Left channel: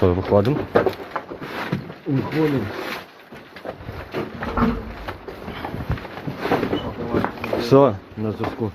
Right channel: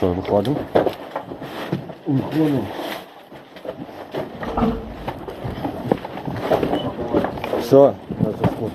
Що, виходимо? Виходимо. Все, на зв'язку.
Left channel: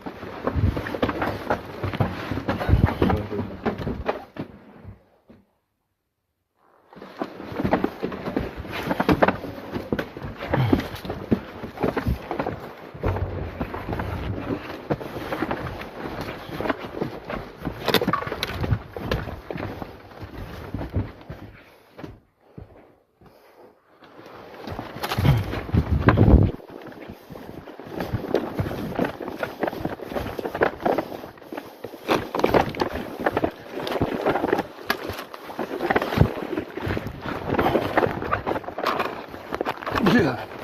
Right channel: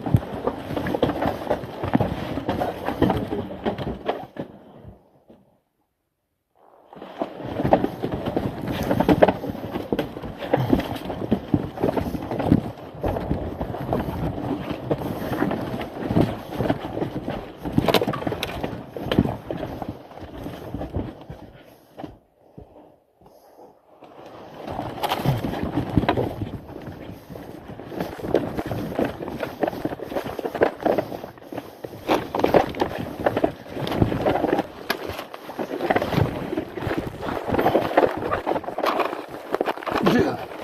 Ja.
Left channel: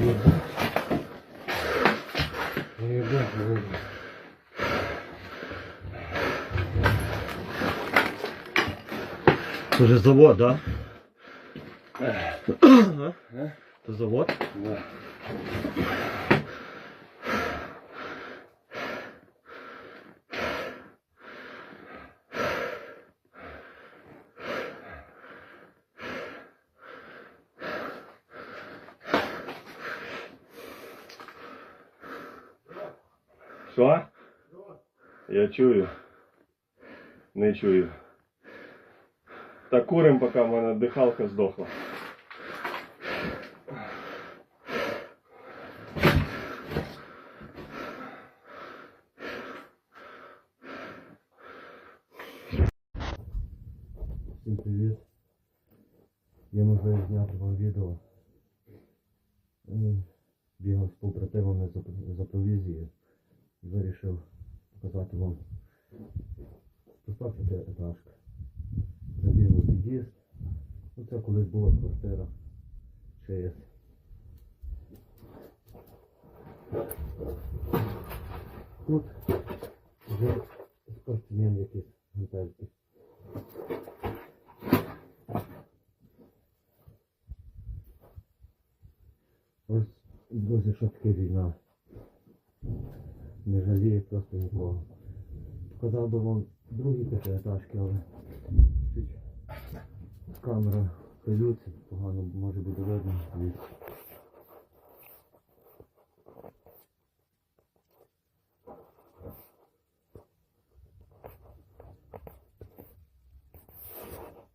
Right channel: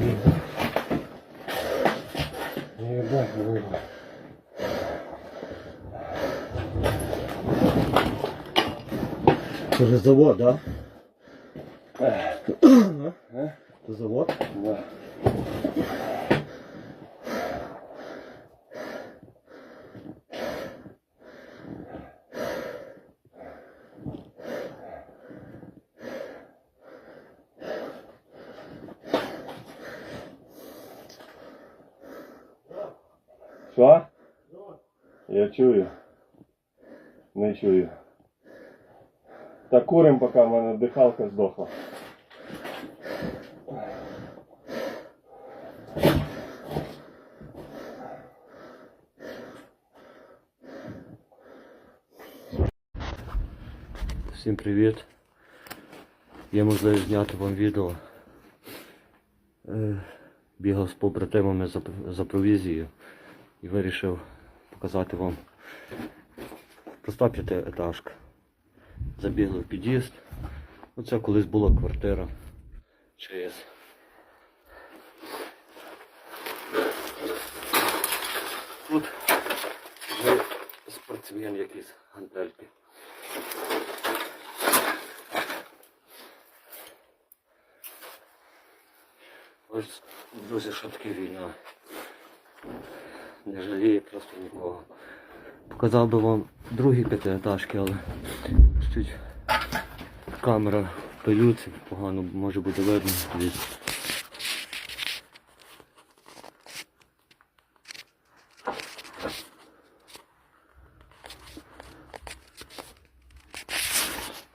видно. Не видать, не видно. Это же завод, да? А? Это завод? Да. Що? Я чую. Не чую. Так курим, поки в мене дихалка здохла. Всім привіт. Є можливість зняти вам відео. Е, Бігав з побратимами за провізією і вирішив показати вам проста п'ятиетажка. Забігли в під'їзд. Оце колись була квартира ЧС. Тут вже спортсмен якийсь гантельки. Ось, друзі, що таке війна. Не жаліє просто нікого. Показав би вам другі п'ятиетажки, але чуть камера пилюці, погано може бути видно.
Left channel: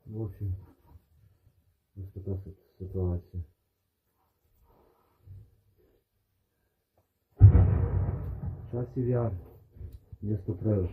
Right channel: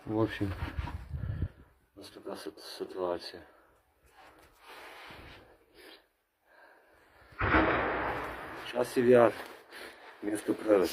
В общем, ось така си- ситуація. Часів место місто.